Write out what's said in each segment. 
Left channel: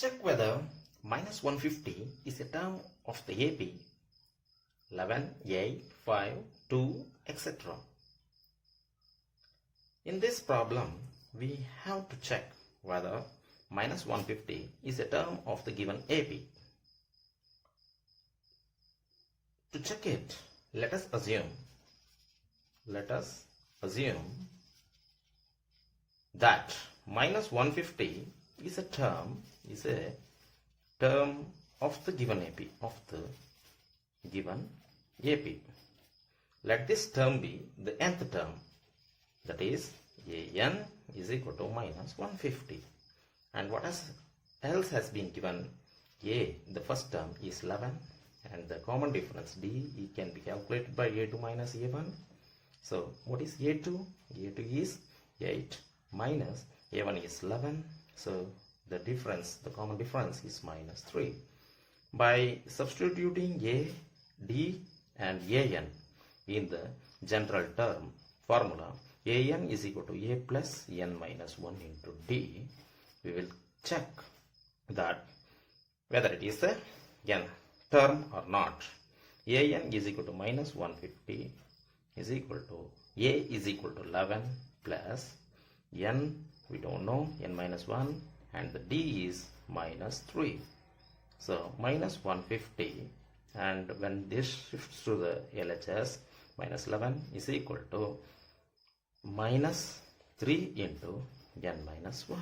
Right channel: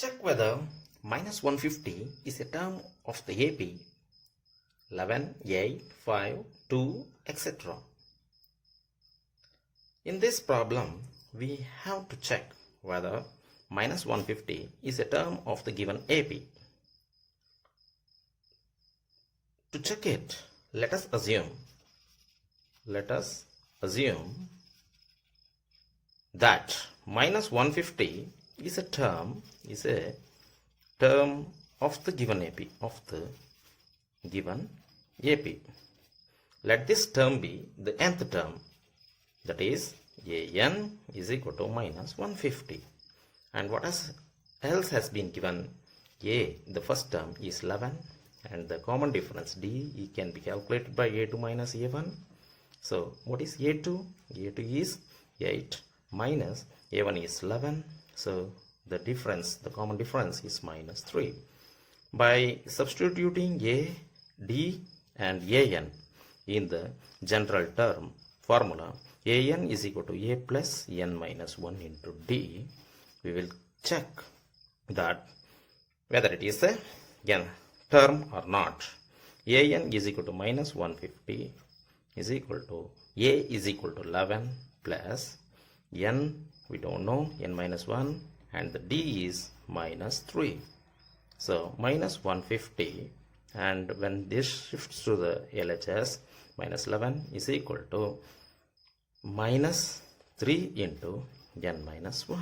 Check whether minus 150 is a term of the AP 11, 8, 5, 2, etc. In this problem, we have to check whether minus 150 is a term of the given AP. To check it, let us assume that minus 150 is a term of the given AP. Let this term be the nth term, that is an is equal to minus 150. And what else has been given? A, the first term, is 11, and the common difference D can be calculated by A2 minus A1. So what is A2? A2 is 8 minus A1 is 11. So the common difference is minus 3. By substituting A, D and AN in the general term formula, AN is equal to A plus N minus 1 into D, we will check that whether it is a n term or not. AN is equal to minus 150 is equal to A is equal to 11 plus N, we don't know, N minus 1, and the D is minus 3. So minus 150, and when this shifts to the LHS, minus 11 is equal to minus 3 into N minus 1.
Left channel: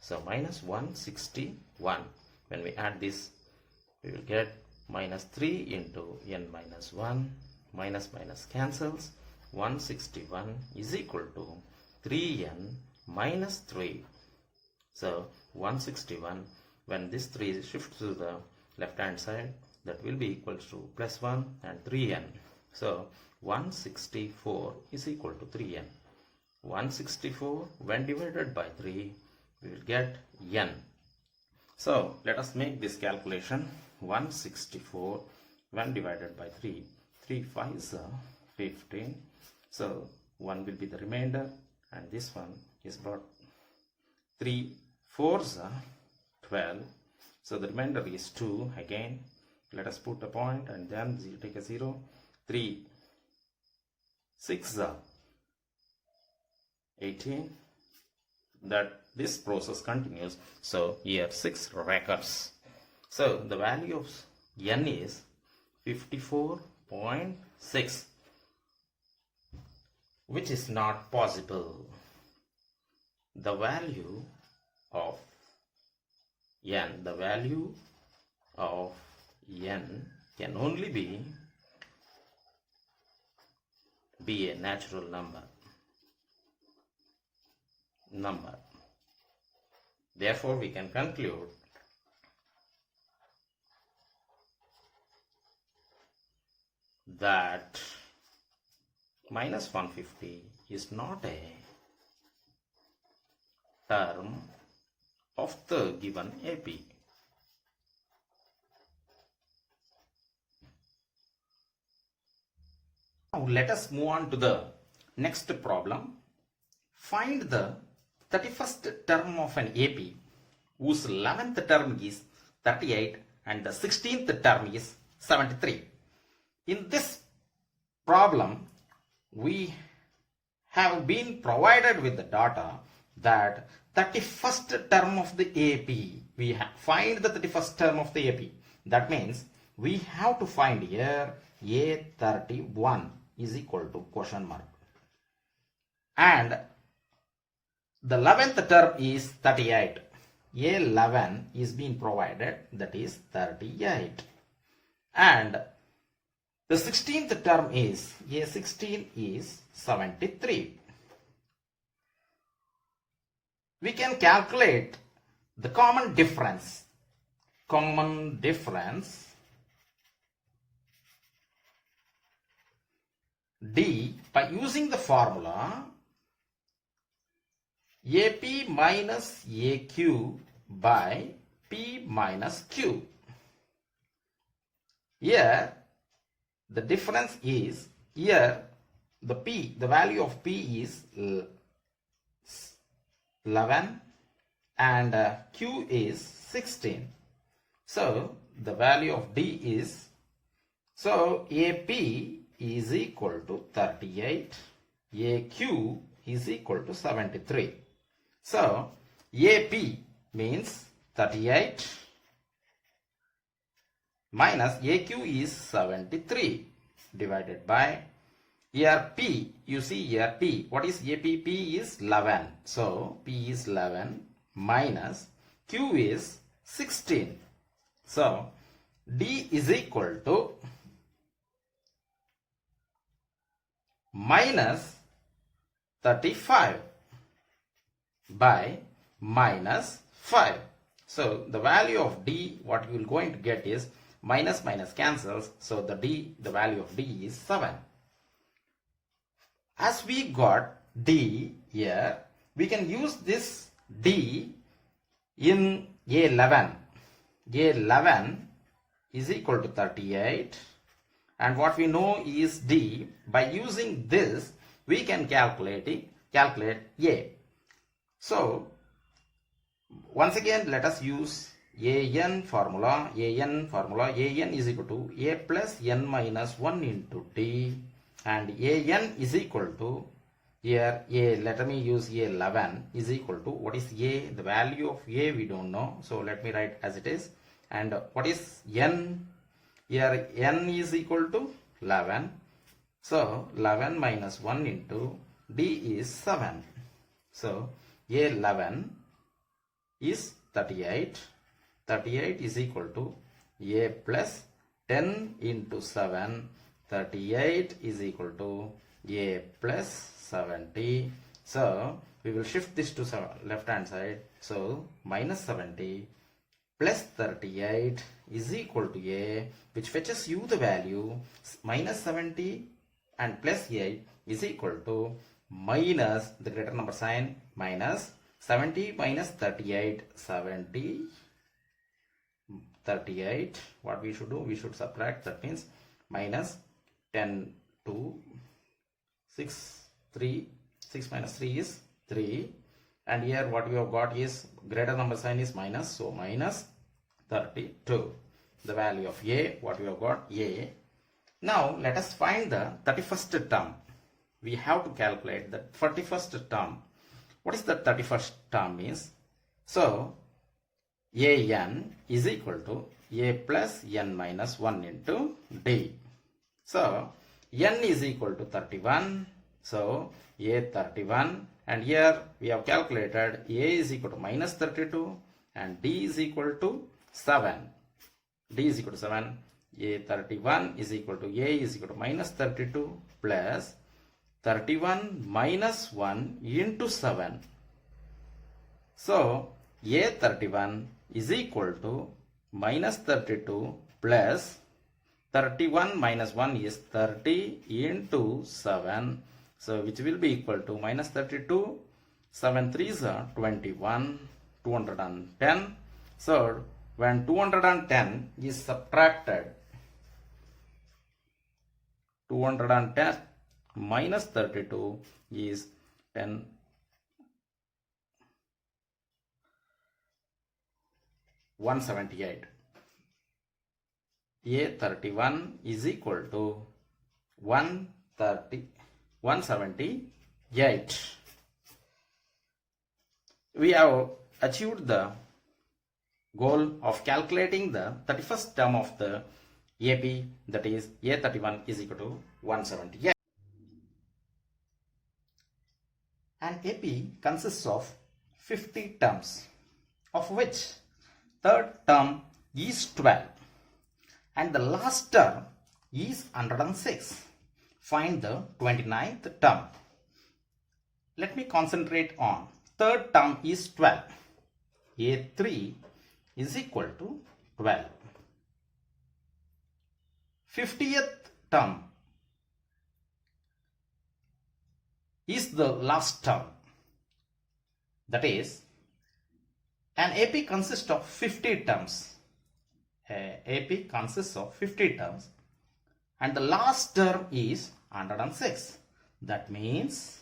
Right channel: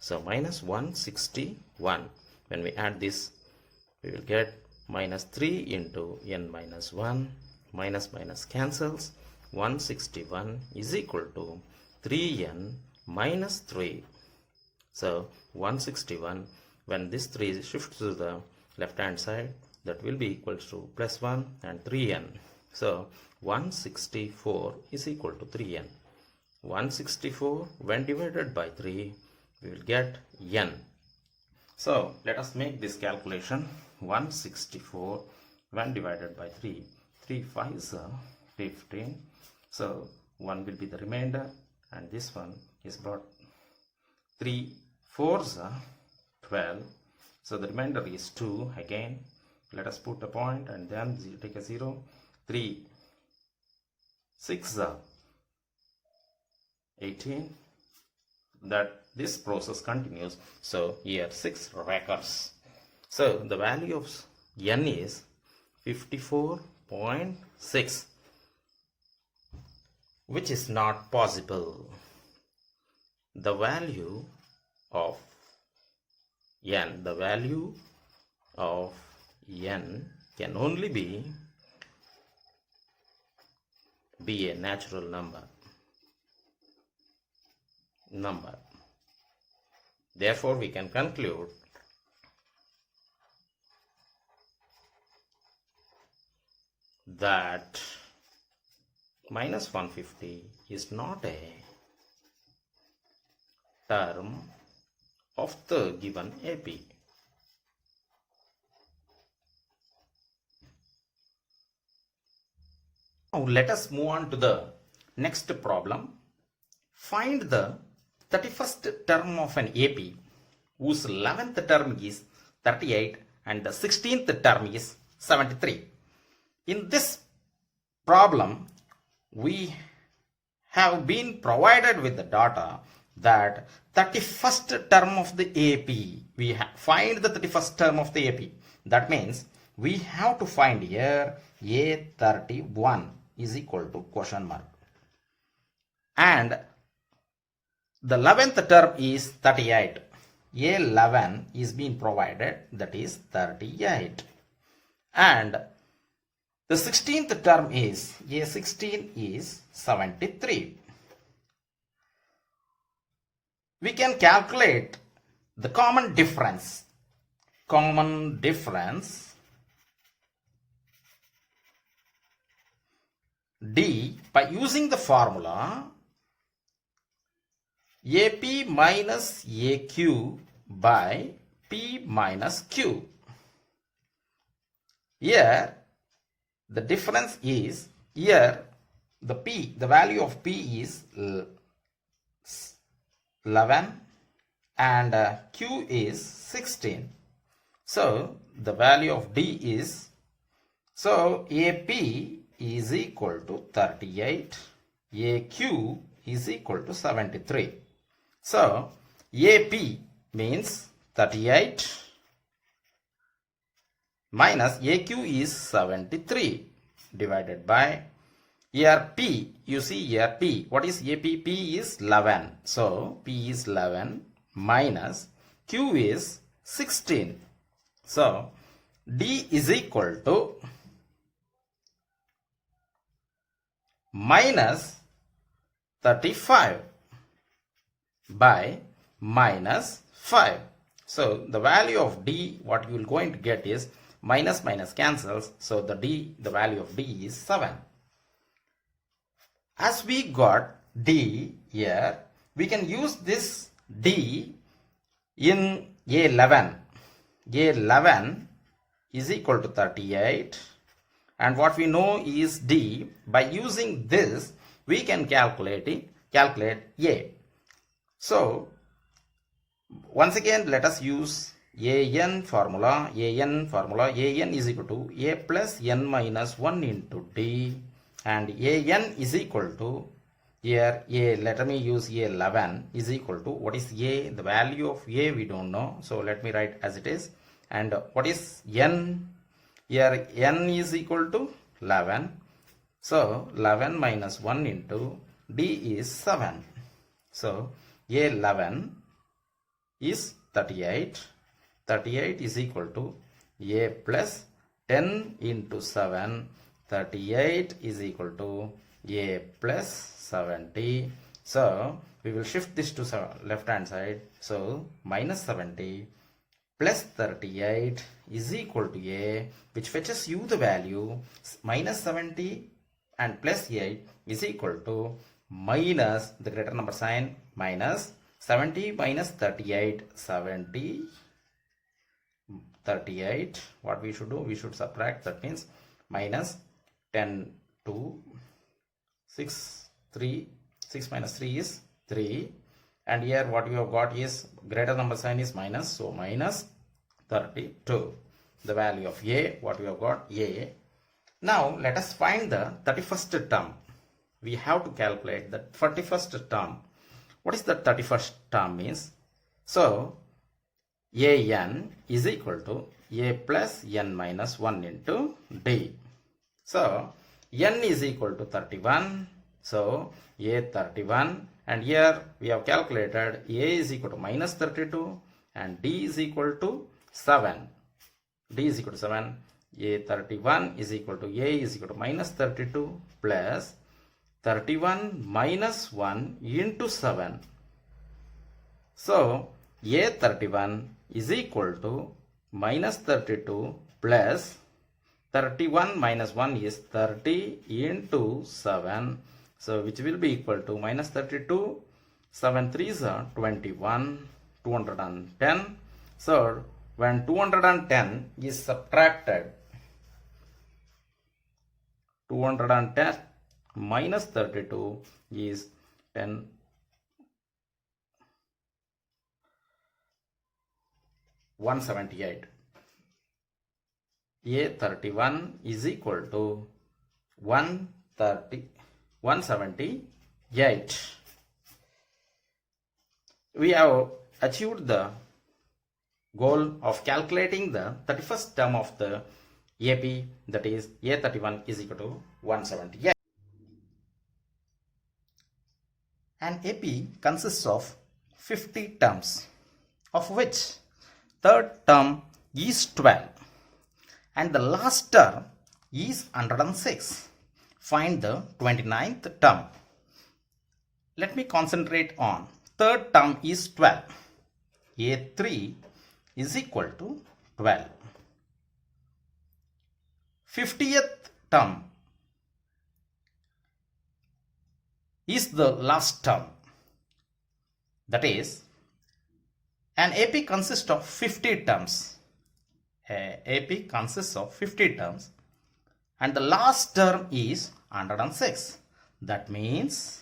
So minus 161. When we add this, we will get minus 3 into N minus 1. Minus minus cancels. 161 is equal to 3N minus 3. So 161, when this 3 shifts to the left hand side, that will be equal to plus 1 and 3N. So 164 is equal to 3N. 164 when divided by 3, we will get N. So let us make this calculation. 164 when divided by 3. 3 5s are 15. So 1 will be the remainder, and this one is brought 3 4s are 12. So the remainder is 2 again. Let us put a point and then take a 0. 3 6 are 18. That this process continues. So here 6 recurs. So the value of N is 54.6, which is not possible. The value of N can only be a natural number. Therefore, we can conclude that minus 150 is not a term of the given AP. Now let us move on to the next problem. Find the 31st term of an AP whose 11th term is 38 and the 16th term is 73. In this problem, we have been provided with the data that 31st term of the AP, find the 31st term of the AP. That means we have to find here A31 is equal to question mark. And the 11th term is 38. A11 is being provided, that is 38. And the 16th term is A16 is 73. We can calculate the common difference. D by using the formula AP minus AQ by P minus Q. Here the difference is, here the value of P is 11 and Q is 16. So the value of D is, so AP is equal to 38, AQ is equal to 73. So AP means 38 minus AQ is 73 divided by here P. You see here P. What is AP? P is 11. So P is 11 minus Q is 16. So D is equal to minus 35 by minus 5. So the value of D, what you will going to get is minus minus cancels. So the value of D is 7. As we got D here, we can use this D in A11. A11 is equal to 38, and what we know is D. By using this, we can calculate A. So once again, let us use AN formula. AN is equal to A plus N minus 1 into D, and AN is equal to, here A, let me use A11 is equal to, what is A? The value of A we don't know, so let me write as it is. And what is N? Here N is equal to 11. So 11 minus 1 into D is 7. So A11 is 38. 38 is equal to A plus 10 into 7. 38 is equal to A plus 70. So we will shift this to left hand side. So minus 70 plus 38 is equal to A, which fetches you the value minus 70 and plus 8 is equal to minus the greater number sign, minus 70 minus 38, 70, 38. What we should do? We should subtract. That means minus 10 to 6, 3, 6 minus 3 is 3. And here what we have got is greater number sign is minus, so minus 32. The value of A, what we have got, A. Now let us find the 31st term. We have to calculate the 31st term. What is the 31st term means? So AN is equal to A plus N minus 1 into D. So N is equal to 31. So A 31, and here we have calculated A is equal to minus 32 and D is equal to 7. D is equal to 7. A 31 is equal to A is equal to minus 32 plus 31 minus 1 into 7. So A 31 is equal to minus 32 plus 31 minus 1 is 30 into 7. So which will be equal to minus 32, 7 3s are 21, 210. So when 210 is subtracted, 210 minus 32 is 10. 178. A31 is equal to 178. We have achieved the goal of calculating the 31st term of the AP, that is A31 is equal to 178. An AP consists of 50 terms, of which third term is 12 and the last term is 106. Find the 29th term. Let me concentrate on third term is 12. A3 is equal to 12. 50th term is the last term. That is, an AP consists of 50 terms. AP consists of 50 terms and the last term is 106. That means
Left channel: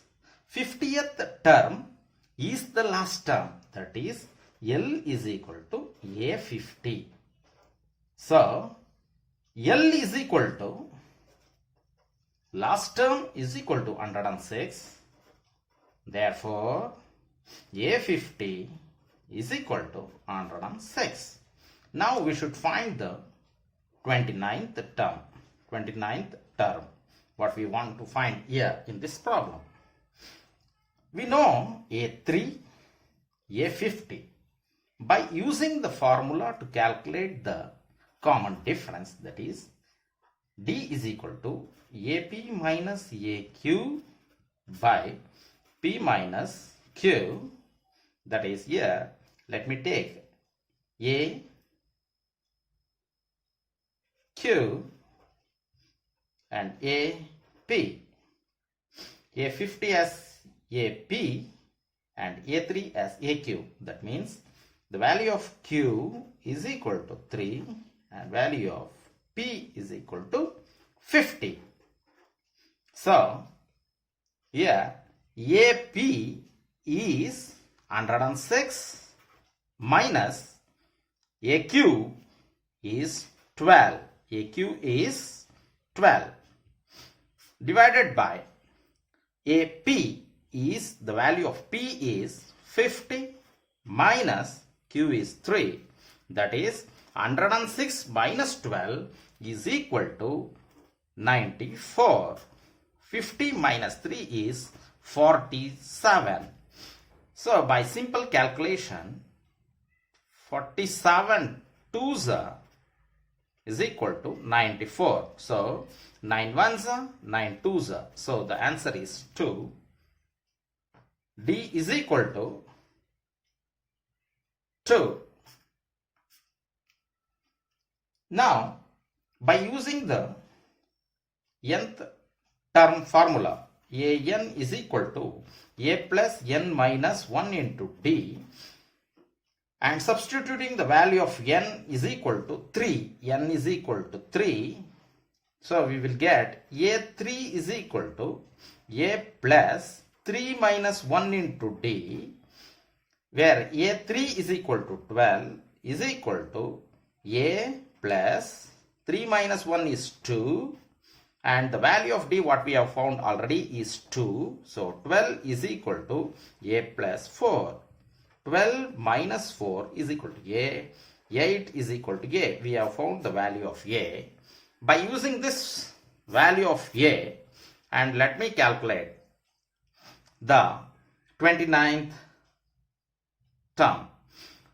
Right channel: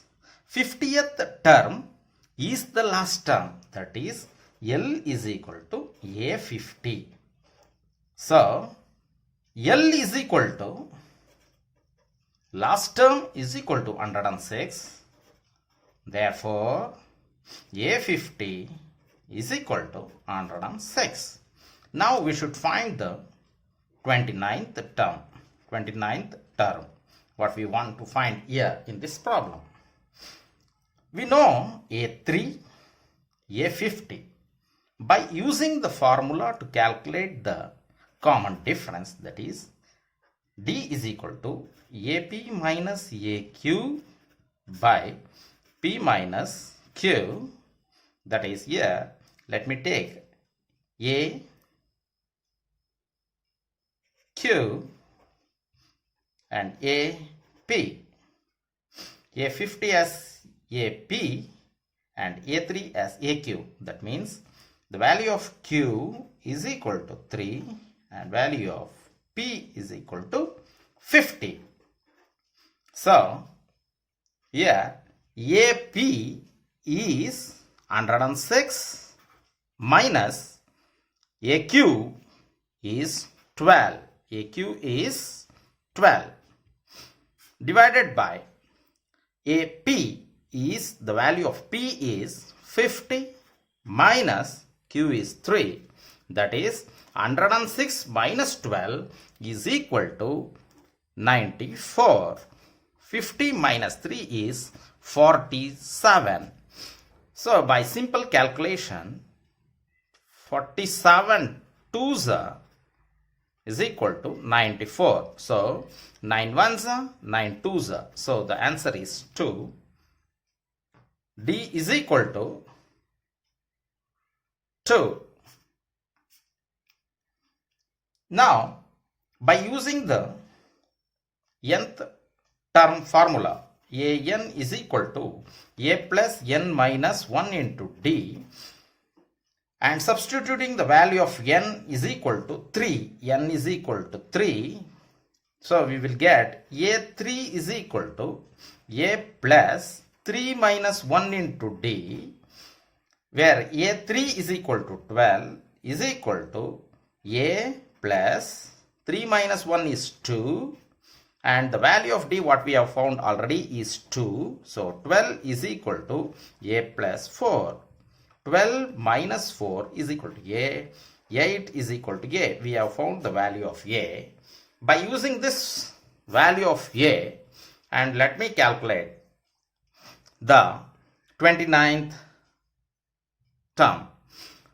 50th term is the last term. That is L is equal to A50. So, L is equal to, last term is equal to 106. Therefore, A50 is equal to 106. Now we should find the 29th term. 29th term. What we want to find here in this problem. We know A3, A50. By using the formula to calculate the common difference, that is D is equal to AP minus AQ by P minus Q. That is here, let me take A, Q and AP. A50 as AP and A3 as AQ. That means the value of Q is equal to 3 and value of P is equal to 50. So, here AP is 106 minus AQ is 12. AQ is 12 divided by AP is, the value of P is 50 minus Q is 3. That is 106 minus 12 is equal to 94. 50 minus 3 is 47. So by simple calculation, 47 twos is equal to 94. So 9 ones, 9 twos. So the answer is 2. D is equal to 2. Now, by using the nth term formula, an is equal to a plus n minus 1 into d, and substituting the value of n is equal to 3, n is equal to 3, so we will get a3 is equal to a plus 3 minus 1 into d, where a3 is equal to 12 is equal to a plus 3 minus 1 is 2, and the value of d what we have found already is 2. So 12 is equal to a plus 4. 12 minus 4 is equal to a. 8 is equal to a. We have found the value of a. By using this value of a, and let me calculate the 29th term.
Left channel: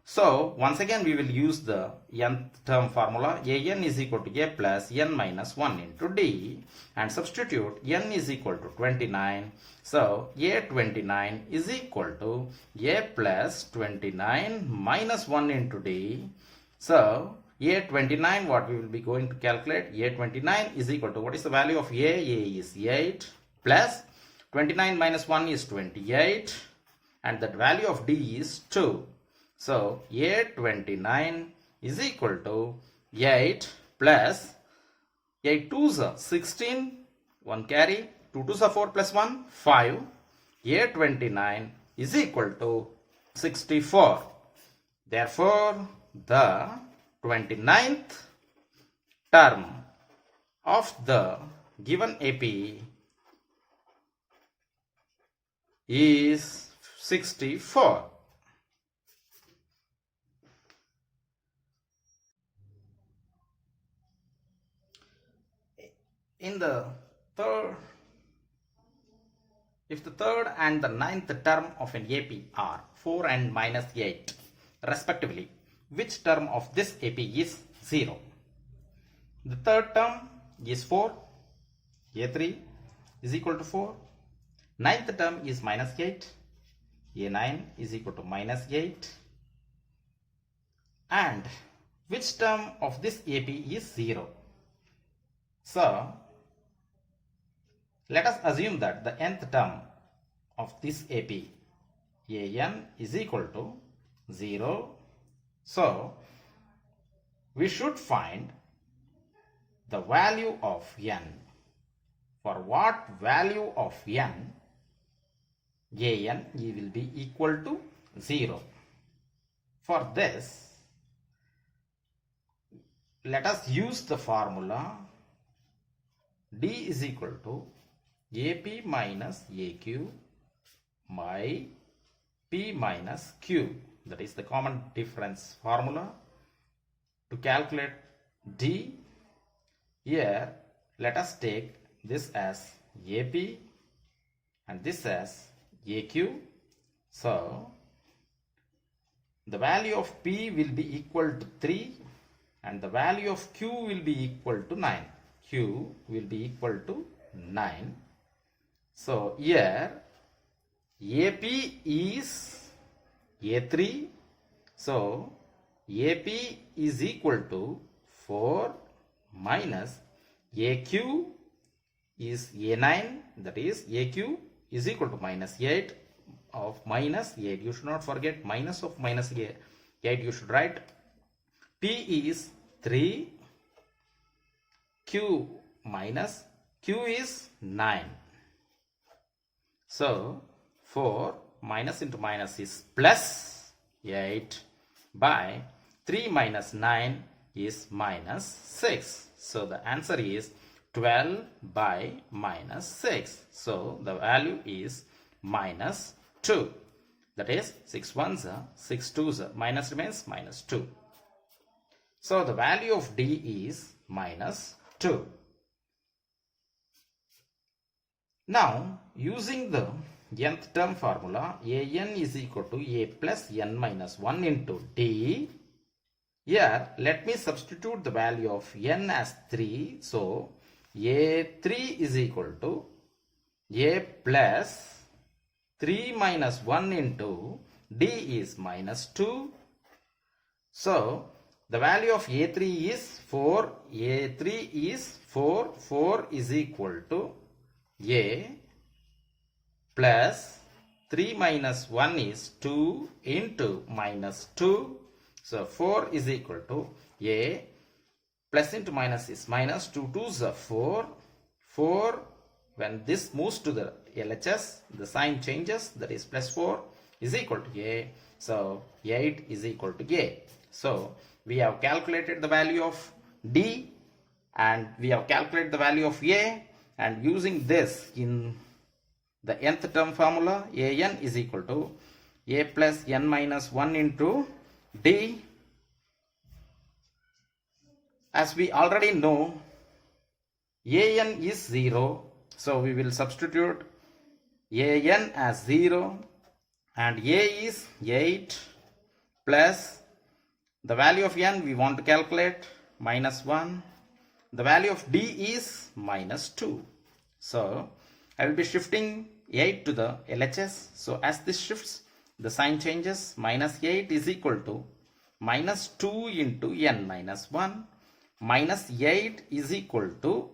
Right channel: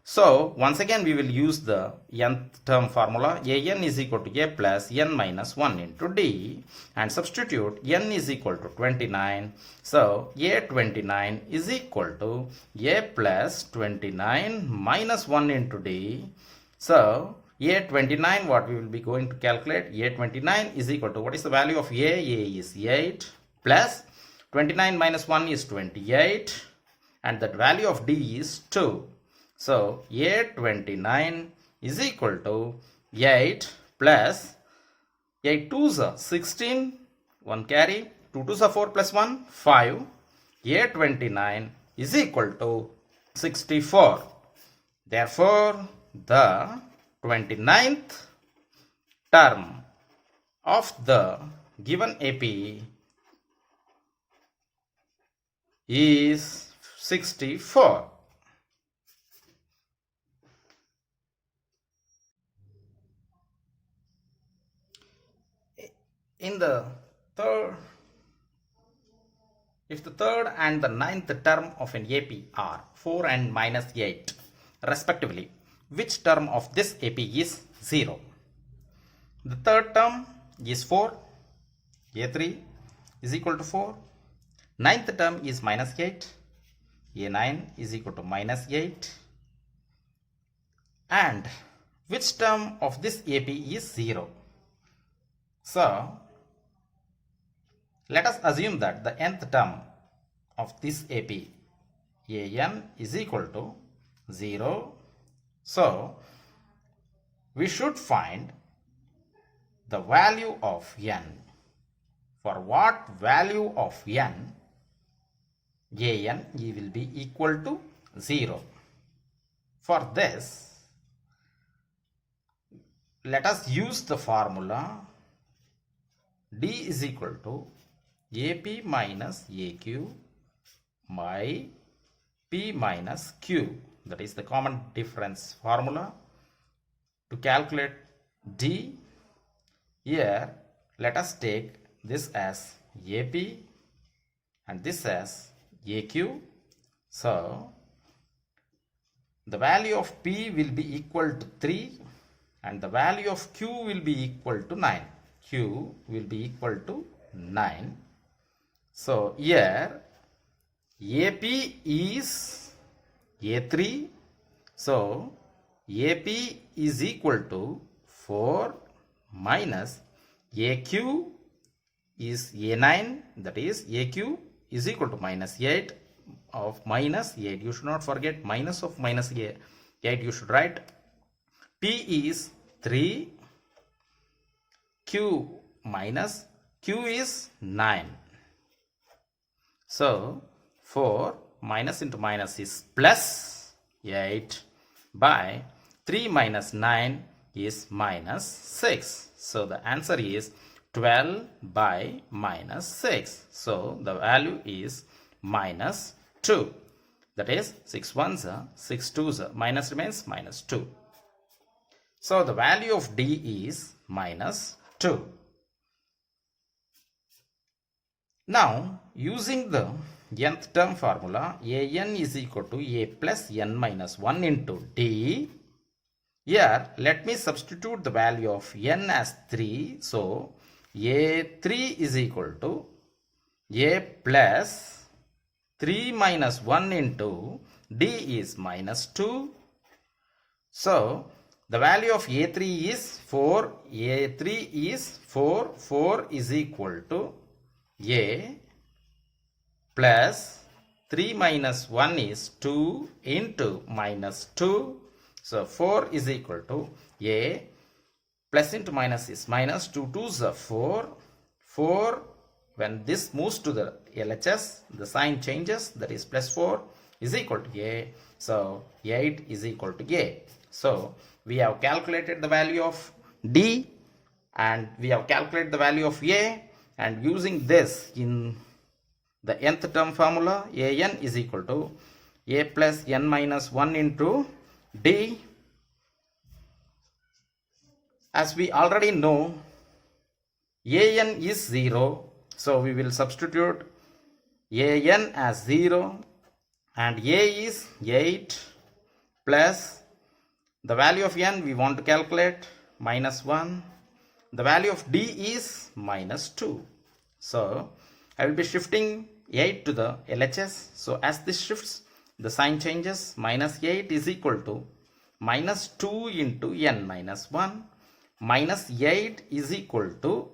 So once again we will use the nth term formula. an is equal to a plus n minus 1 into d, and substitute n is equal to 29. So a29 is equal to a plus 29 minus 1 into d. So a29, what we will be going to calculate, a29 is equal to, what is the value of a? A is 8 plus 29 minus 1 is 28, and the value of d is 2. So a29 is equal to 8 plus 8 twos are 16, 1 carry, 2 twos are 4 plus 1, 5. A29 is equal to 64. Therefore, the 29th term of the given AP is 64. In the third, if the third and the ninth term of an AP are 4 and minus 8 respectively, which term of this AP is 0? The third term is 4, A3 is equal to 4. Ninth term is minus 8, A9 is equal to minus 8. And which term of this AP is 0? So, let us assume that the nth term of this AP, an, is equal to 0. So, we should find the value of n. For what value of n, an will be equal to 0. For this, let us use the formula D is equal to AP minus AQ by P minus Q. That is the common difference formula. To calculate D, here let us take this as AP and this as AQ. So the value of P will be equal to 3 and the value of Q will be equal to 9. Q will be equal to 9. So here AP is A3. So AP is equal to 4 minus AQ is A9. That is AQ is equal to minus 8 of minus 8. You should not forget minus of minus 8. You should write P is 3. Q minus Q is 9. So 4 minus into minus is plus 8 by 3 minus 9 is minus 6. So the answer is 12 by minus 6. So the value is minus 2. That is 6 ones are 6 twos are minus remains minus 2. So the value of D is minus 2. Now using the nth term formula, AN is equal to A plus N minus 1 into D. Here let me substitute the value of N as 3. So A3 is equal to A plus 3 minus 1 into D is minus 2. So the value of A3 is 4. A3 is 4. 4 is equal to A plus 3 minus 1 is 2 into minus 2. So 4 is equal to A plus into minus is minus 2 2s are 4. 4 when this moves to the LHS, the sign changes, that is plus 4 is equal to A. So 8 is equal to A. So we have calculated the value of D and we have calculated the value of A, and using this in the nth term formula, AN is equal to A plus N minus 1 into D. As we already know, AN is 0. So we will substitute AN as 0 and A is 8 plus the value of N we want to calculate minus 1. The value of D is minus 2. So I will be shifting 8 to the LHS. So as this shifts, the sign changes. Minus 8 is equal to minus 2 into N minus 1. Minus 8 is equal to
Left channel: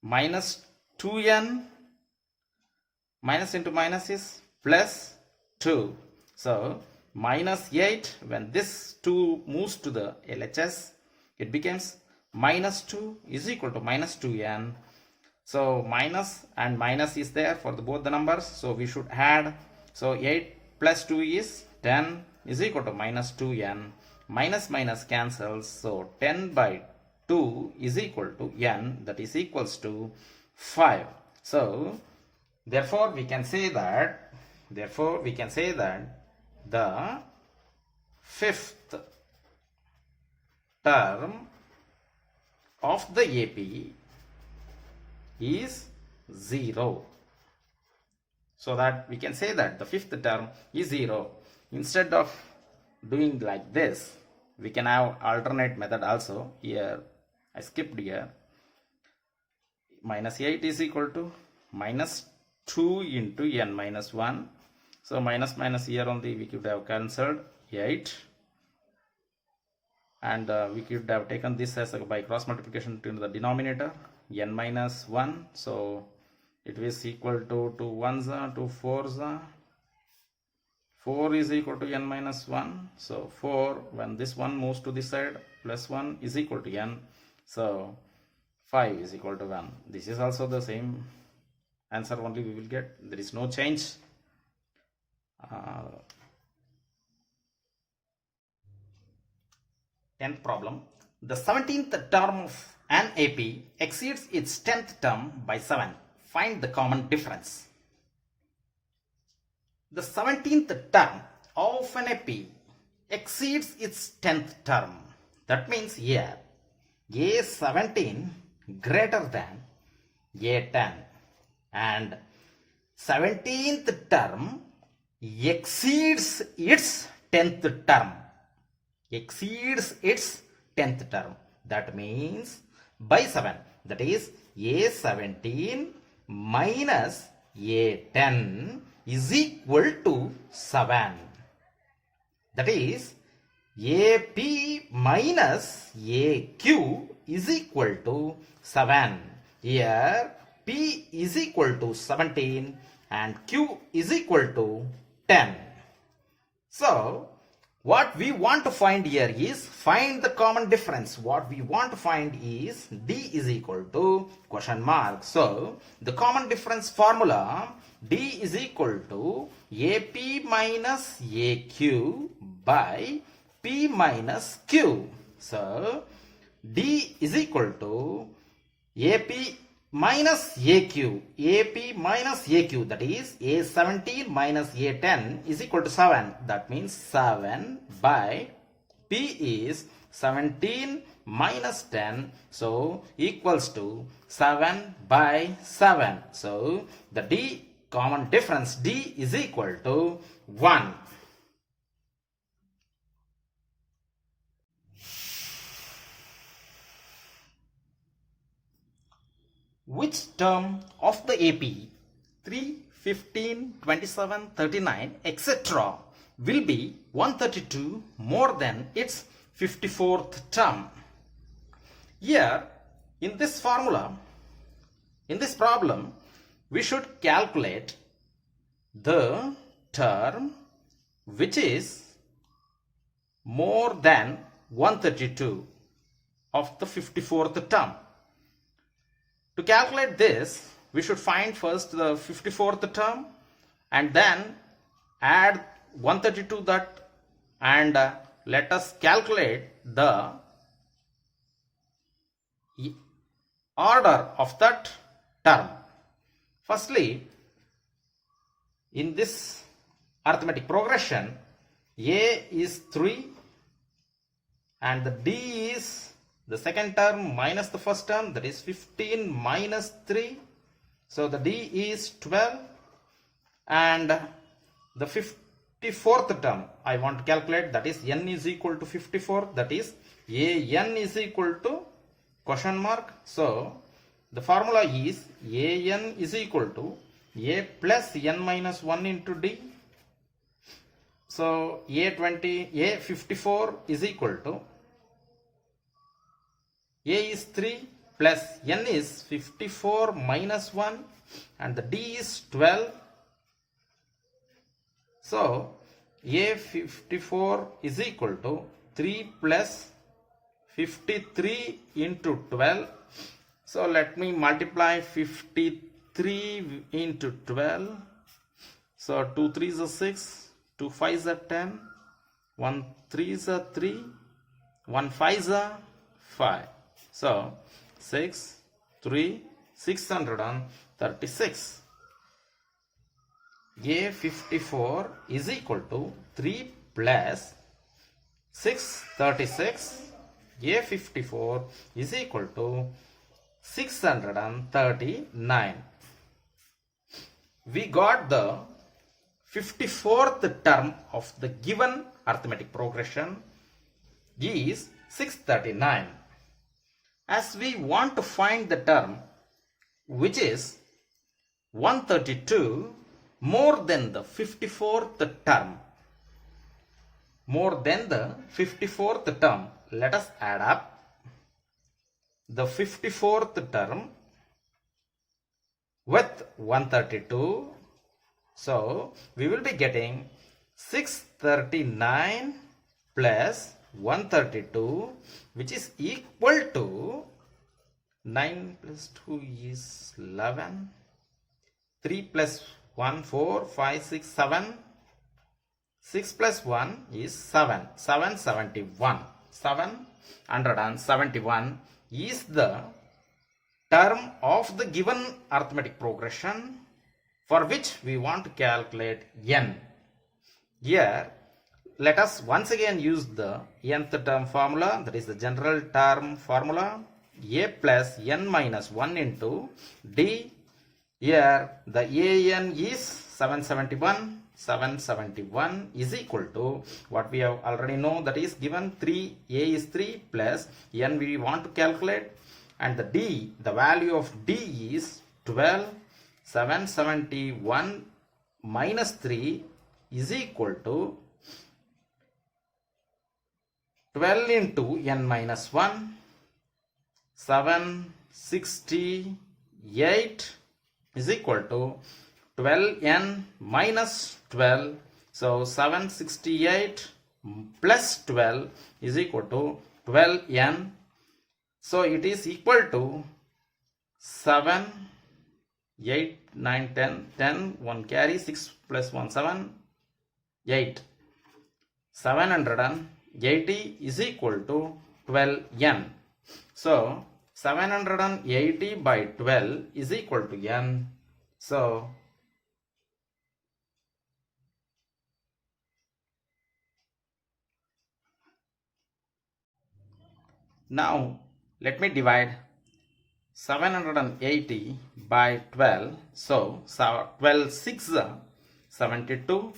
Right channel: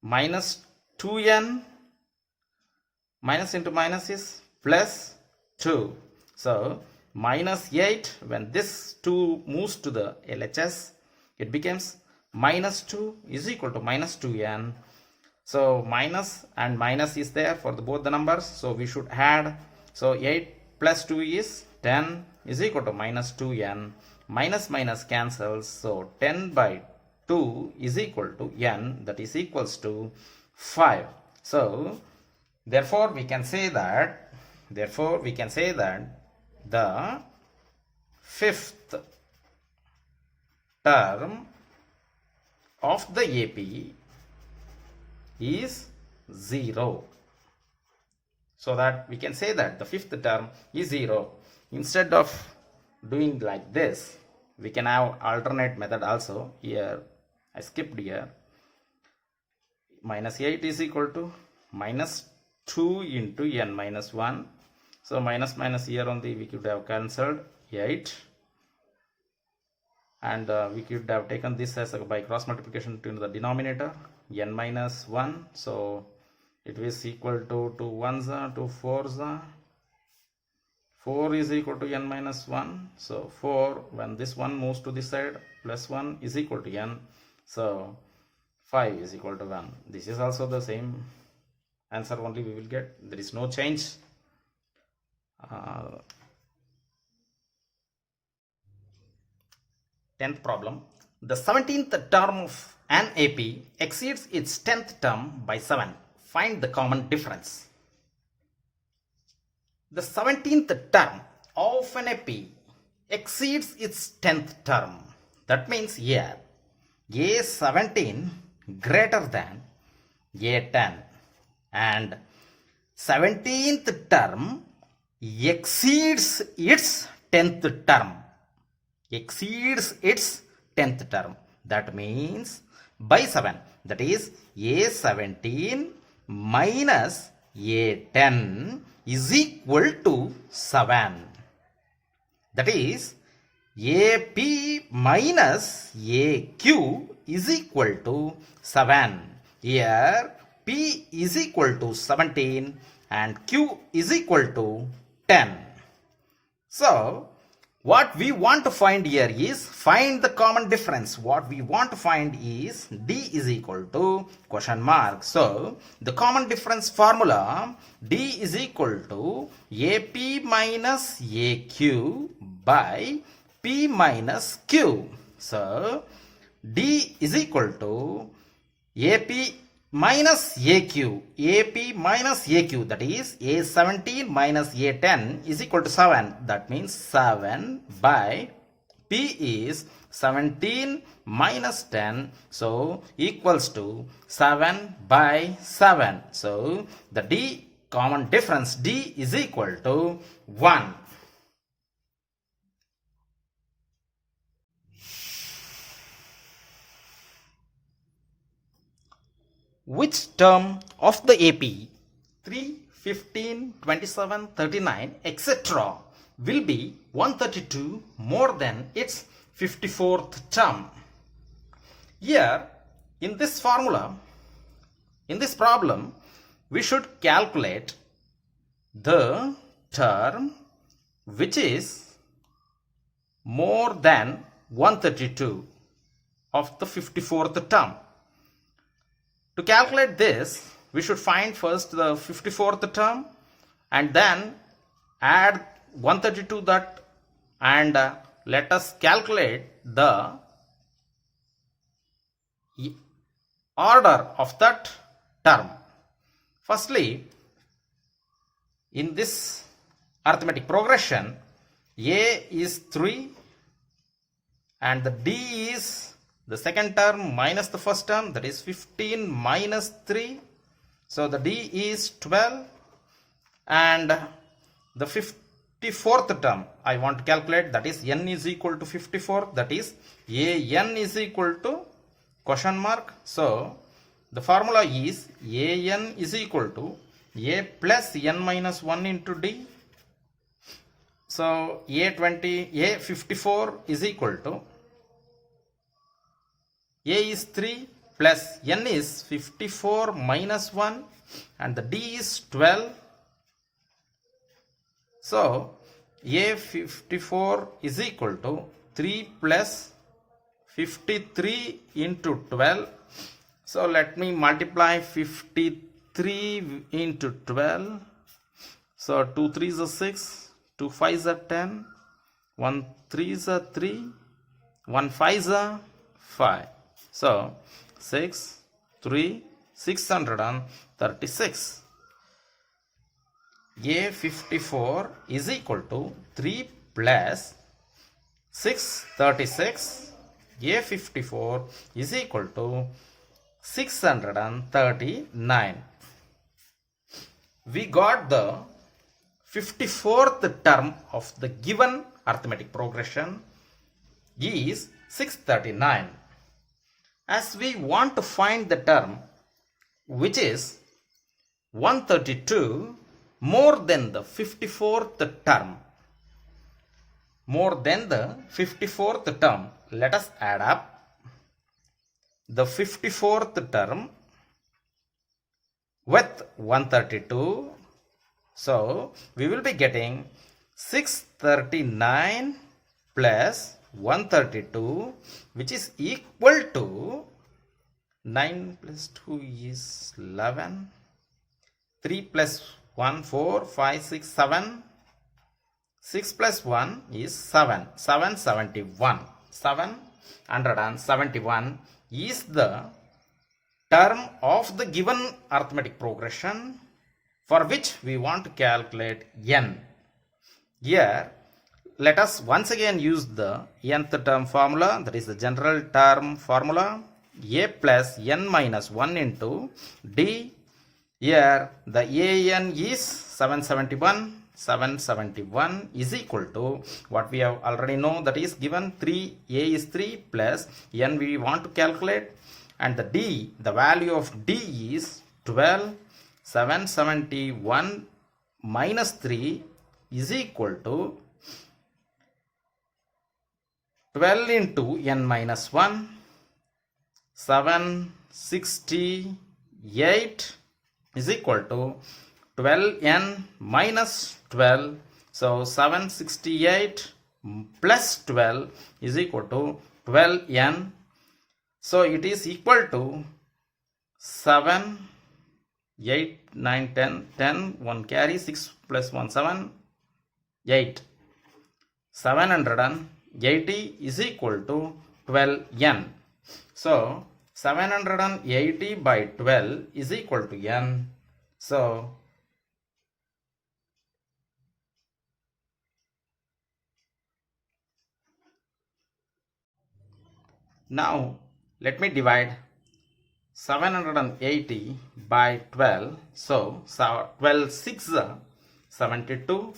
minus 2N. Minus into minus is plus 2. So minus 8, when this 2 moves to the LHS, it becomes minus 2 is equal to minus 2N. So minus and minus is there for both the numbers. So we should add. So 8 plus 2 is 10 is equal to minus 2N. Minus minus cancels. So 10 by 2 is equal to N, that is equals to 5. So therefore we can say that the fifth term of the AP is 0. So that we can say that the fifth term is 0. Instead of doing like this, we can have alternate method also. Here I skipped here. Minus 8 is equal to minus 2 into N minus 1. So minus minus here only we could have cancelled 8. And we could have taken this as by cross multiplication to the denominator, N minus 1. So it is equal to 2 1s, 2 4s. 4 is equal to N minus 1. So 4, when this 1 moves to this side, plus 1 is equal to N. So 5 is equal to 1. This is also the same answer only we will get. There is no change. 10th problem. The 17th term of an AP exceeds its 10th term by 7. Find the common difference. The 17th term of an AP exceeds its 10th term. That means here A17 greater than A10 and 17th term exceeds its 10th term. Exceeds its 10th term. That means by 7. That is A17 minus A10 is equal to 7. That is AP minus AQ is equal to 7. Here P is equal to 17 and Q is equal to 10. So what we want to find here is find the common difference. What we want to find is D is equal to question mark. So the common difference formula D is equal to AP minus AQ by P minus Q. So D is equal to AP minus AQ. AP minus AQ, that is A17 minus A10 is equal to 7. That means 7 by P is 17 minus 10. So equals to 7 by 7. So the D common difference D is equal to 1. Which term of the AP 3, 15, 27, 39, etc. will be 132 more than its 54th term? Here, in this formula, in this problem, we should calculate the term which is more than 132 of the 54th term. To calculate this, we should find first the 54th term and then add 132 that, and let us calculate the order of that term. Firstly, in this arithmetic progression, A is 3 and the D is the second term minus the first term, that is 15 minus 3. So the D is 12 and the 54th term I want to calculate, that is N is equal to 54, that is AN is equal to question mark. So the formula is AN is equal to A plus N minus 1 into D. So A54 is equal to A is 3 plus N is 54 minus 1 and the D is 12. So A54 is equal to 3 plus 53 into 12. So let me multiply 53 into 12. So 2 3s are 6, 2 5s are 10, 1 3s are 3, 1 5s are 5. So 6, 3, 636. A54 is equal to 3 plus 636. A54 is equal to 639. We got the 54th term of the given arithmetic progression is 639. As we want to find the term which is 132 more than the 54th term, let us add up the 54th term with 132. So we will be getting 639 plus 132, which is equal to 9 plus 2 is 11, 3 plus 1 4, 5 6 7, 6 plus 1 is 7, 771. 771 is the term of the given arithmetic progression for which we want to calculate n. Here, let us once again use the nth term formula, that is the general term formula, a plus n minus 1 into d. Here, the an is 771. 771 is equal to what we have already know, that is given 3, a is 3 plus n we want to calculate, and the d, the value of d is 12. 771 minus 3 is equal to 12 into n minus 1. 768 is equal to 12n minus 12. So 768 plus 12 is equal to 12n. So it is equal to 7, 8, 9, 10, 10, 1 carry, 6 plus 1, 7, 8. 780 is equal to 12n. So 780 by 12 is equal to n. So now let me divide 780 by 12. So 12 6 72,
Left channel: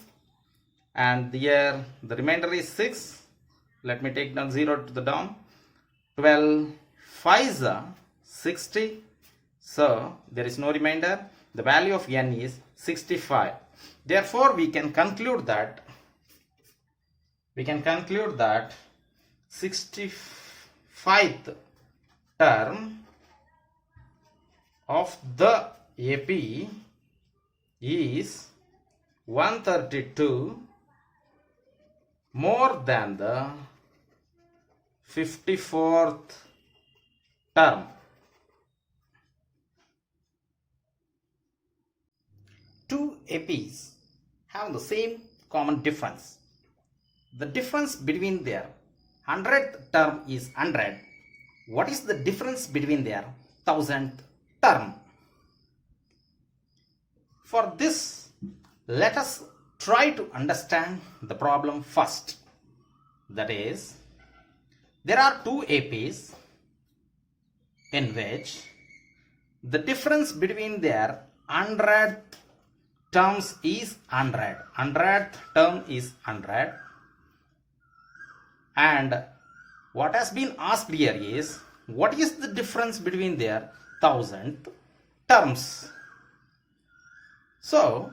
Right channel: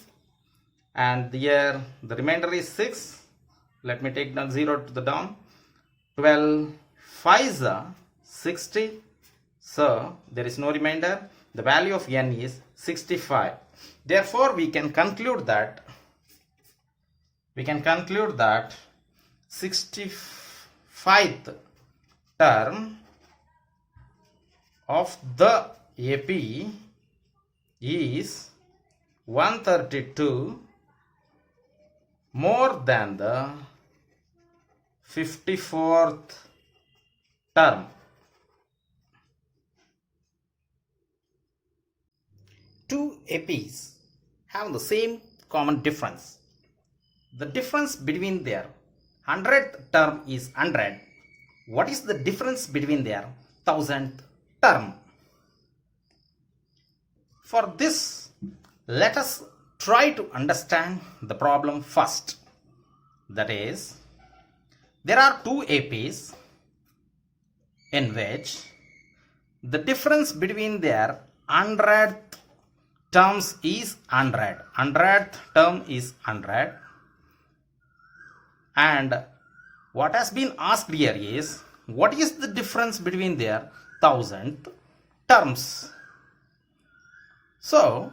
and here the remainder is 6. Let me take down 0 to the down. 12 5 60. So there is no remainder. The value of n is 65. Therefore we can conclude that 65th term of the AP is 132 more than the 54th term. Two APs have the same common difference. The difference between their 100th term is 100. What is the difference between their 1000th term? For this, let us try to understand the problem first. That is, there are two APs in which the difference between their 100th terms is 100. 100th term is 100. And what has been asked here is, what is the difference between their 1000th terms? So,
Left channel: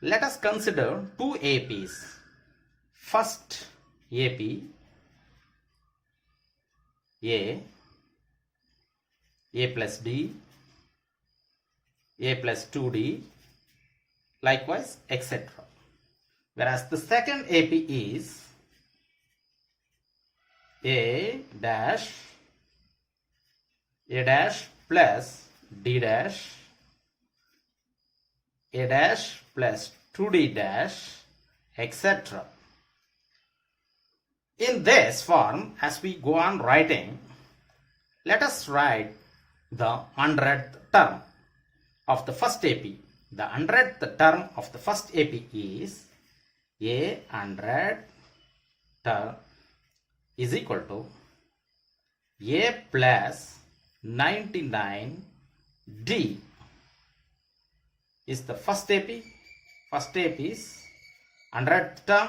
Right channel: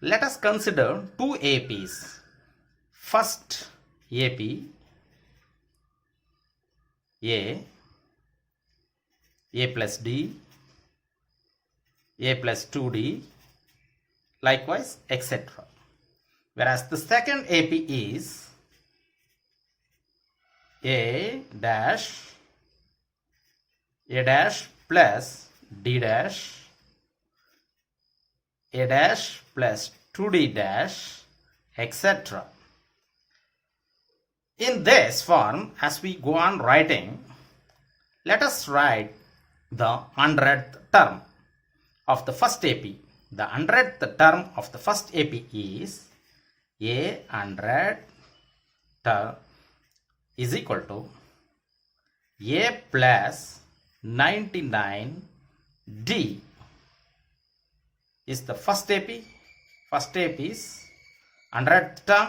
let us consider two APs. First AP, A plus D, A plus 2D, likewise, etc. Whereas the second AP is A dash plus D dash, A dash plus 2D dash, etc. In this form, as we go on writing, let us write the 100th term of the first AP. The 100th term of the first AP is A 100 term is equal to A plus 99 D is the first AP. First AP is 100th term.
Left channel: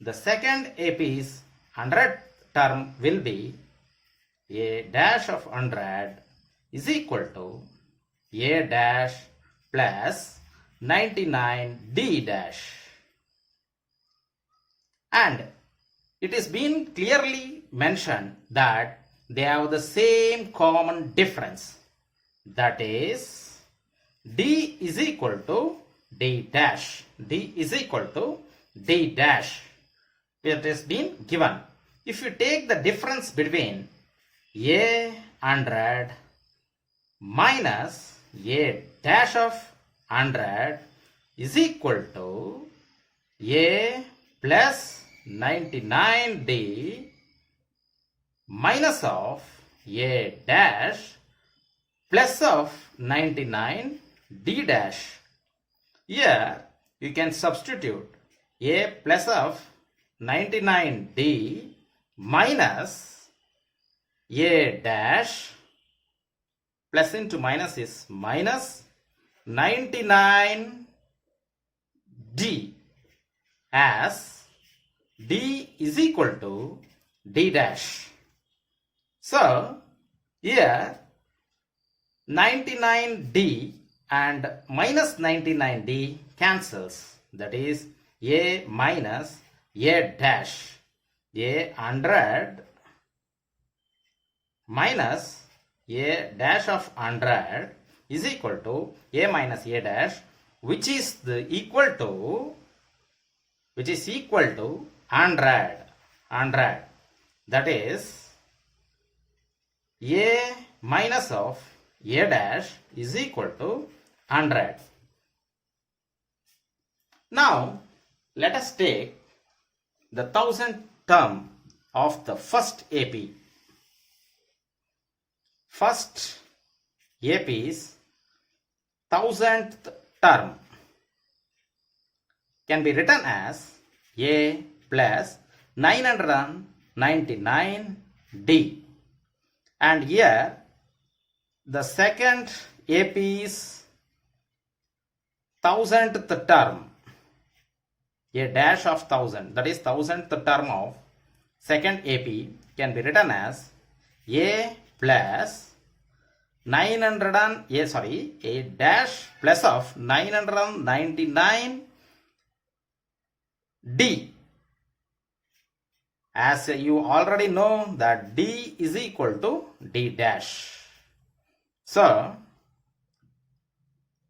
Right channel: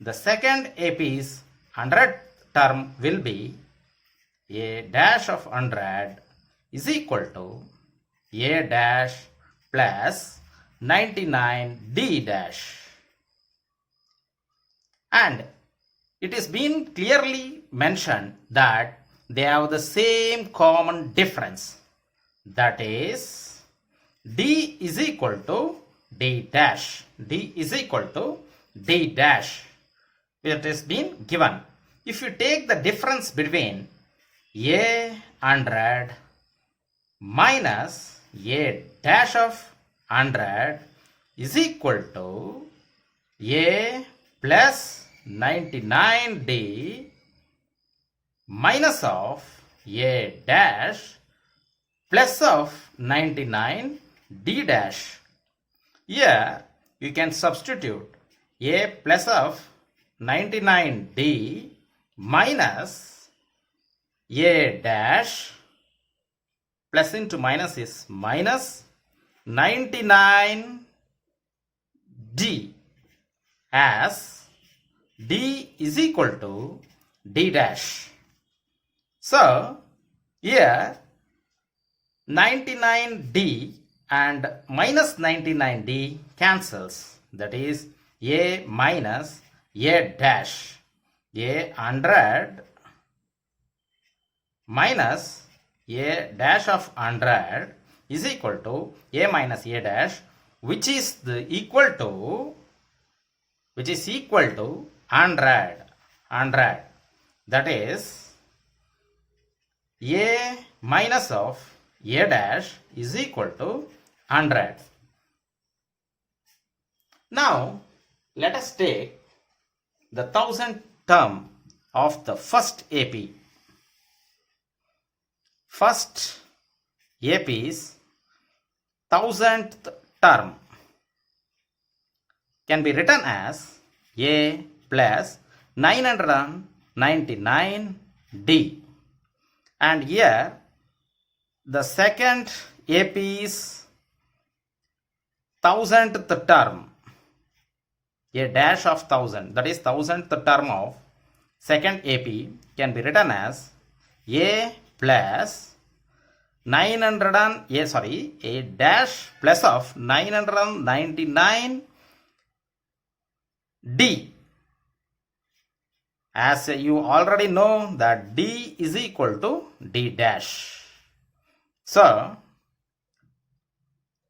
The second AP's 100th term will be A dash of 100 is equal to A dash plus 99 D dash. And it is been clearly mentioned that they have the same common difference. That is, D is equal to D dash. D is equal to D dash. It has been given. If you take the difference between A 100 minus A dash of 100 is equal to A plus 99D minus of A dash plus of 99 D dash. Here you can substitute A plus of 99D minus A dash, plus into minus is minus 99D, as D is equal to D dash. So here 99D and minus 99D cancels, that is A minus A dash. A 100 minus A dash of 100 is equal to A minus A dash, which is equal to 100. That is A minus of A dash is equal to 100. Now let us take the 1000 term of the first AP. First AP's 1000th term can be written as A plus 999D. And here the second AP's 1000th term, A dash of 1000, that is 1000th term of second AP, can be written as A plus A dash plus of 999D. As you already know that D is equal to D dash. So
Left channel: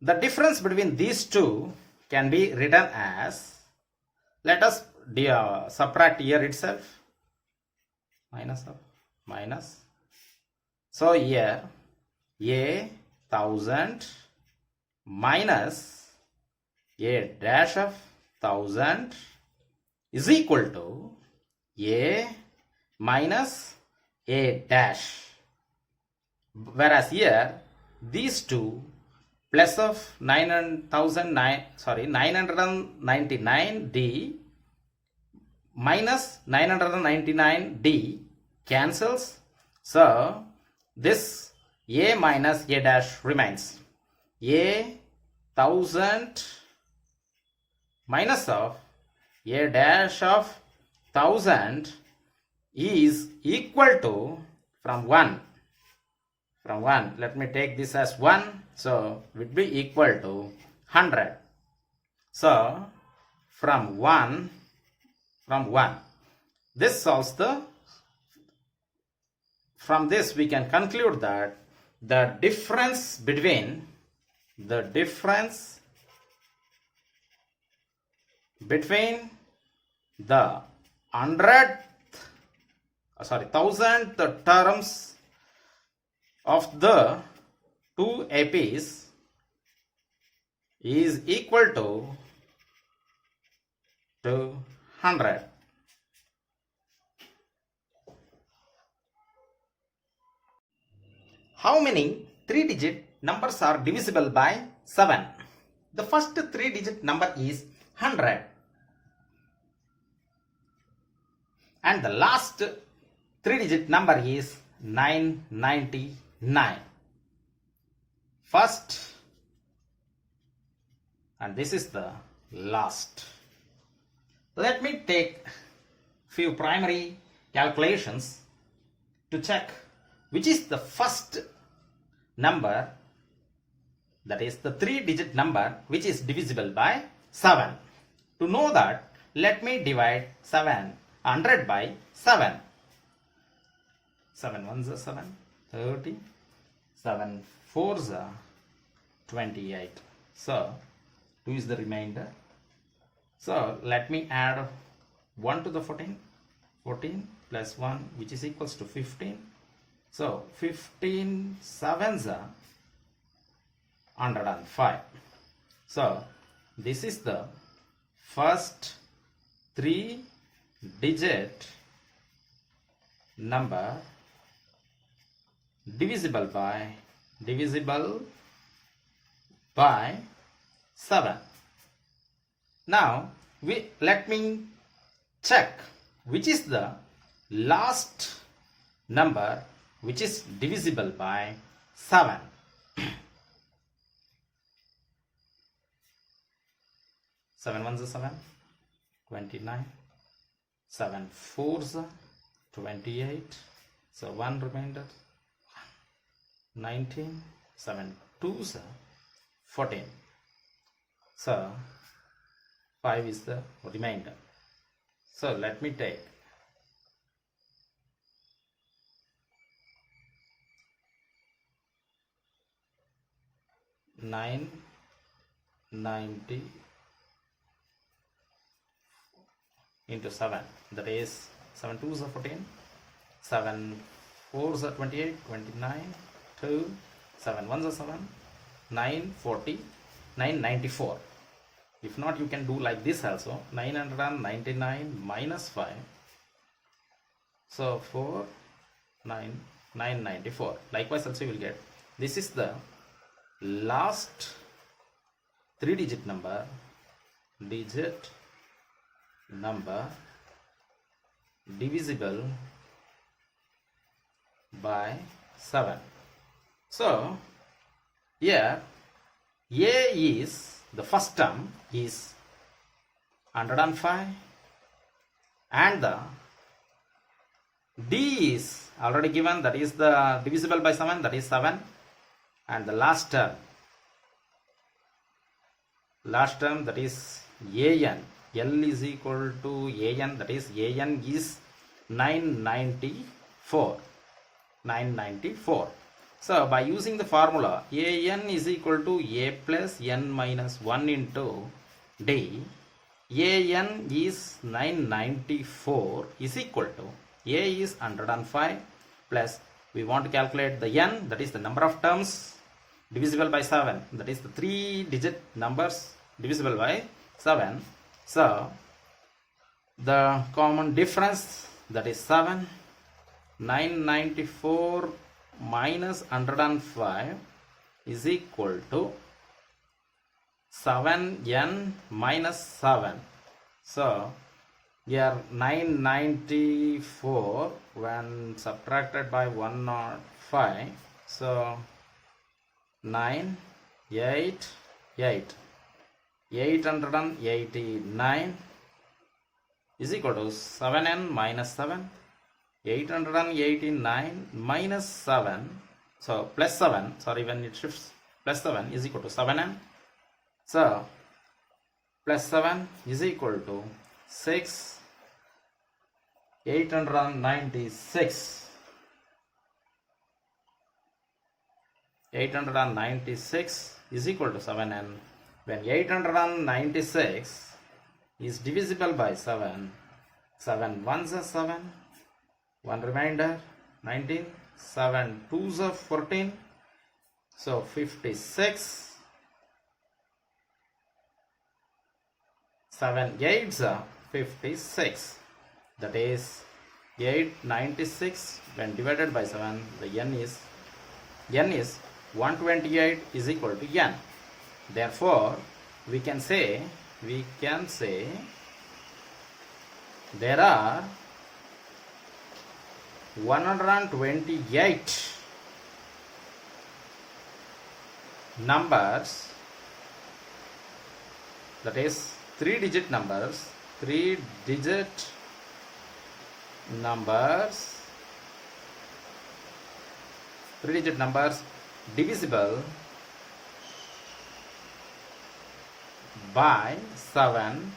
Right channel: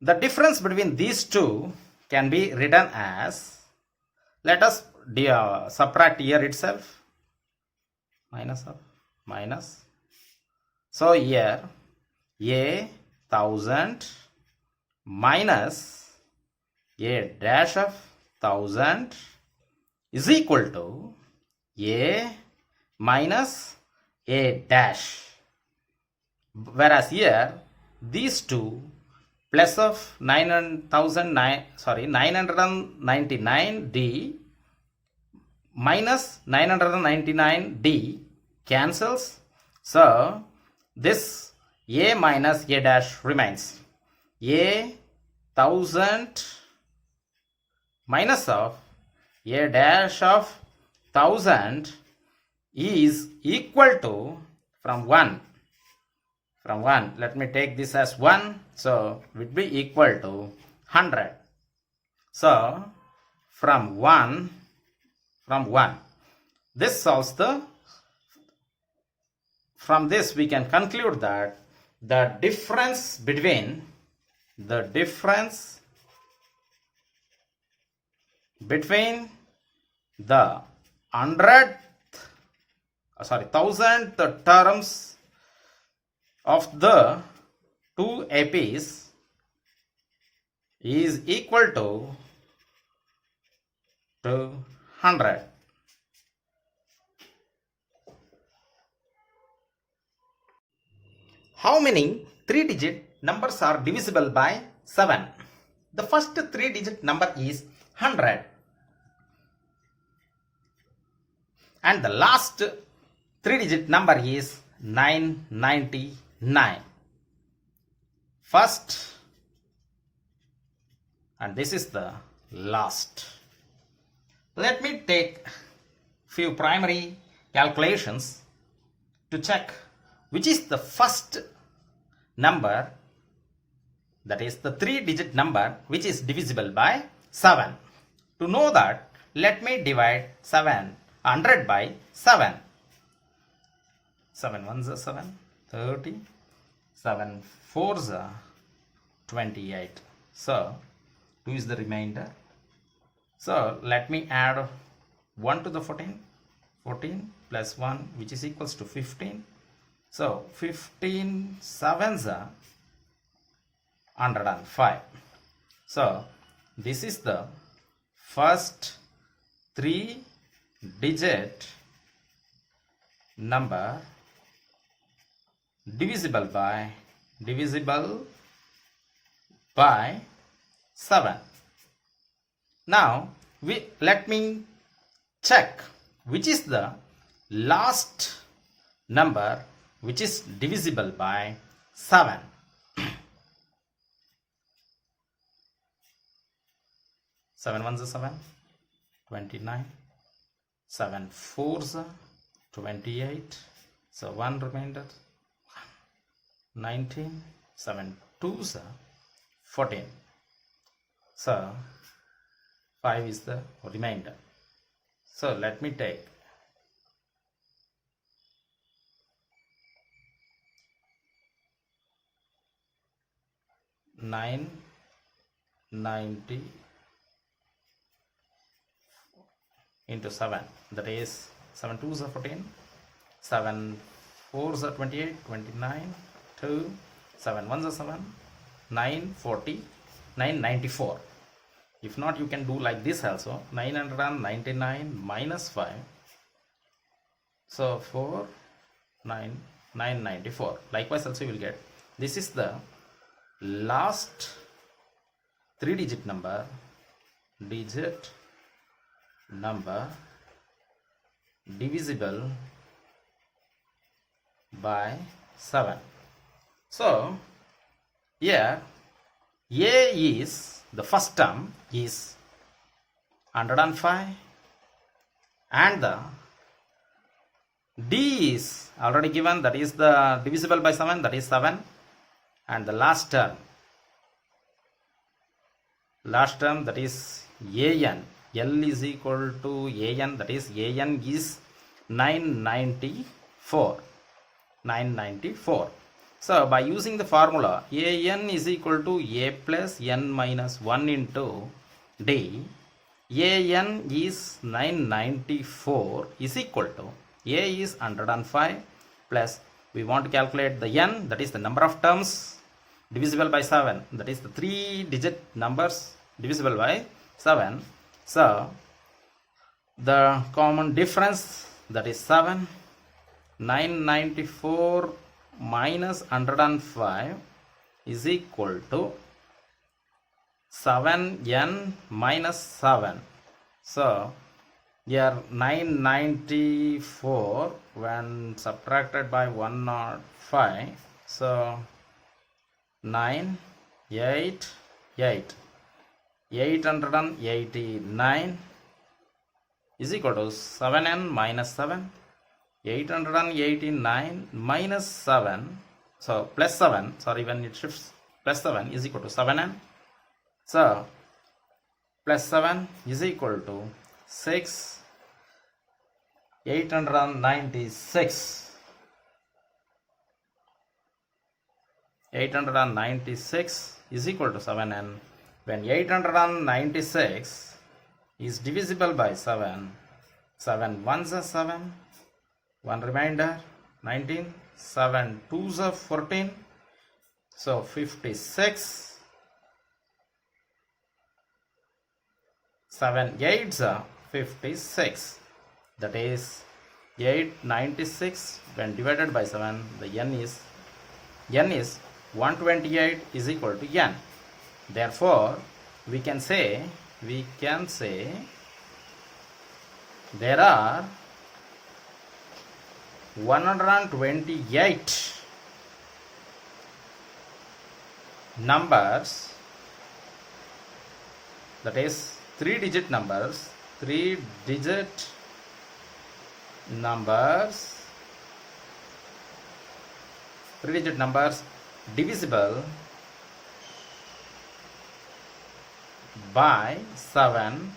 the difference between these two can be written as, let us subtract here itself, minus of minus. So here A 1000 minus A dash of 1000 is equal to A minus A dash. Whereas here these two plus of 999D minus 999D cancels. So this A minus A dash remains. A 1000 minus of A dash of 1000 is equal to, from 1, let me take this as 1, so it would be equal to 100. So from 1, this solves from this we can conclude that the difference between the 1000th terms of the two APs is equal to 100. How many 3-digit numbers are divisible by 7? The first 3-digit number is 100. And the last 3-digit number is 999. First, and this is the last. Let me take few primary calculations to check which is the first number, that is the 3-digit number which is divisible by 7. To know that, let me divide 100 by 7. 7 ones are 7, 30, 7 fours are 28. So 2 is the remainder. So let me add 1 to the 14, 14 plus 1, which is equals to 15. So 15 sevens are 105. So this is the first 3-digit number divisible by 7. Now let me check which is the last number which is divisible by 7. 7 ones are 7, 29. 7 fours are 28. So 1 remainder, 19. 7 twos are 14. So 5 is the remainder. So let me take 990 into 7, that is 7 twos are 14, 7 fours are 28, 29, 2, 7 ones are 7, 940, 994. If not, you can do like this also, 999 minus 5, so 4, 9, 994. Likewise also you will get, this is the last 3-digit number divisible by 7. So here A is the first term is 105 and the D is already given, that is the divisible by 7, that is 7, and the last term that is AN, L is equal to AN, that is AN is 994. So by using the formula AN is equal to A plus N minus 1 into D, AN is 994 is equal to A is 105 plus we want to calculate the N, that is the number of terms divisible by 7, that is the 3-digit numbers divisible by 7. So the common difference, that is 7, 994 minus 105 is equal to 7n minus 7. So here 994 when subtracted by 105, so 889 is equal to 7n minus 7. 889 minus 7, so plus 7, sorry, when it shifts, plus 7 is equal to 7n. So plus 7 is equal to 6. 896 is equal to 7n. When 896 is divisible by 7, 7 ones are 7, 1 remainder, 19, 7 twos are 14, so 56, 7 eights are 56, that is 896 when divided by 7, the n is 128 is equal to n. Therefore we can say there are 128 numbers, that is 3-digit numbers divisible by 7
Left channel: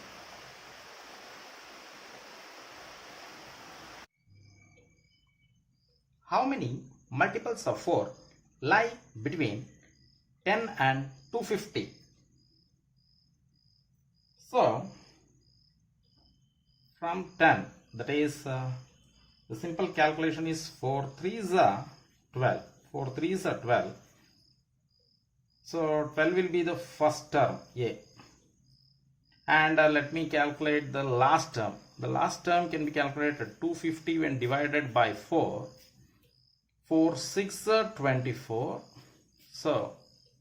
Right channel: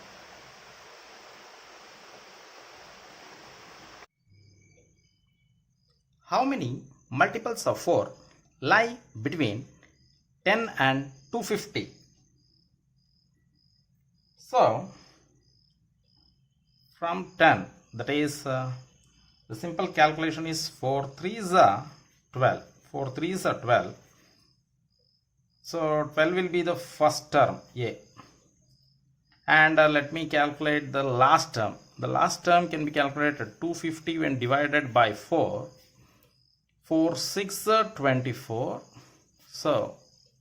How many multiples of 4 lie between 10 and 250? So from 10, that is the simple calculation is 4 3s are 12. 4 3s are 12. So 12 will be the first term A. And let me calculate the last term. The last term can be calculated 250 when divided by 4. 4 6 24. So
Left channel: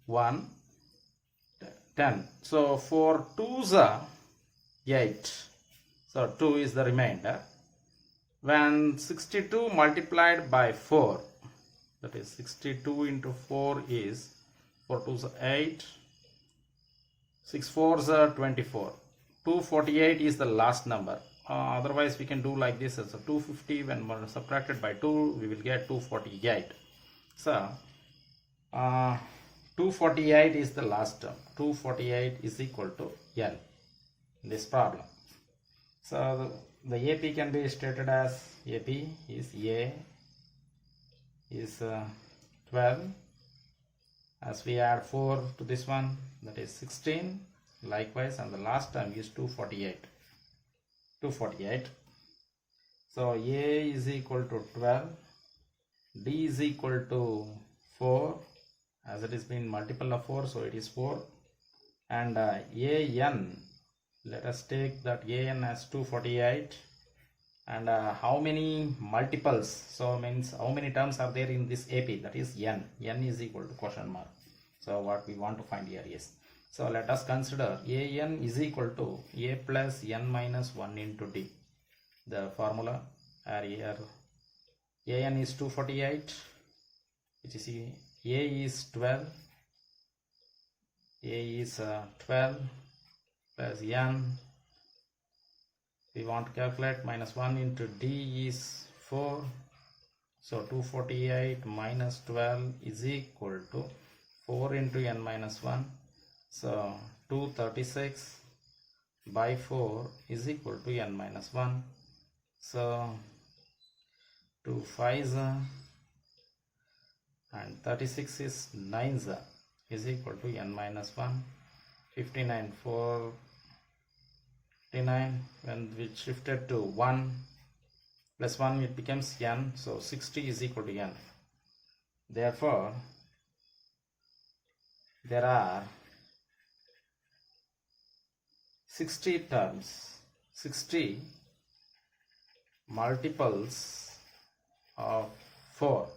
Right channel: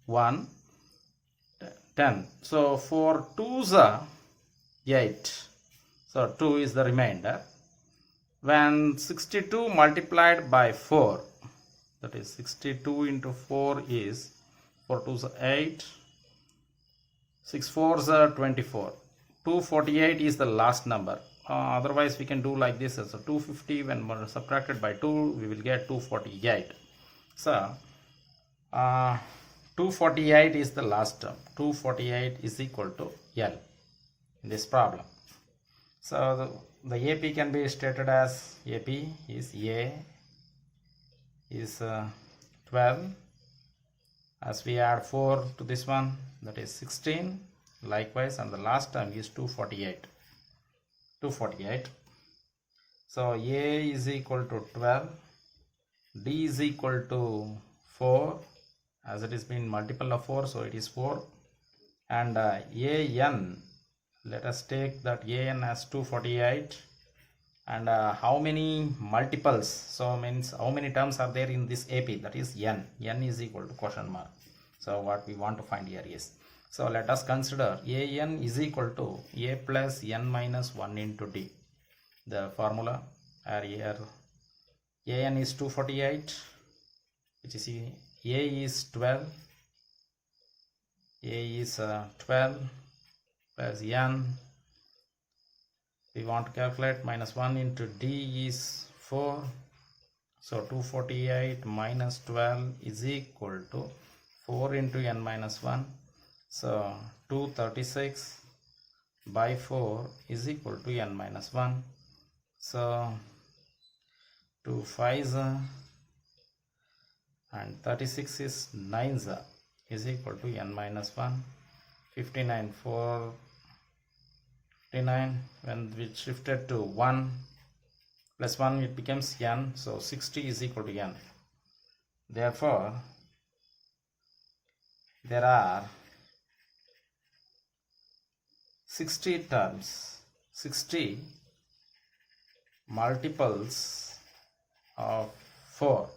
1 10. So 4 2s are 8. So 2 is the remainder. When 62 multiplied by 4, that is 62 into 4 is 4 2s are 8. 6 4s are 24. 248 is the last number. Otherwise we can do like this. So 250 when subtracted by 2 we will get 248. So 248 is the last term. 248 is equal to L in this problem. So the AP can be stated as AP is A is 12. As we add 4 to this one, that is 16. Likewise, and the last term is 248. 248. So A is equal to 12. D is equal to 4. As it is been multiple of 4, so it is 4. And AN, let us take that AN as 248. And how many multiples, so means how many terms are there in this AP, that is N. N is equal to question mark. So what we want to find here is, so let us consider AN is equal to A plus N minus 1 into D. The formula here, AN is 248, which is A is 12, A is 12 plus N, we want to calculate minus 1 into D is 4. So 248 minus 12 is equal to 4 into N minus 1. So 236 by 4 is equal to N minus 1. So 2 5s and 36 is 9s is equal to N minus 1. 59 4 59, when we shifted to 1 plus 1 it becomes N, so 60 is equal to N. Therefore there are 60 terms, 60 multiples of 4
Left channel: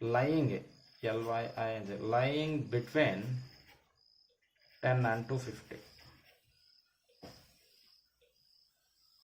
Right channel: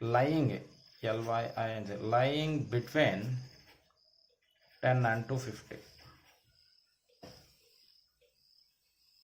lying lying between 10 and 250.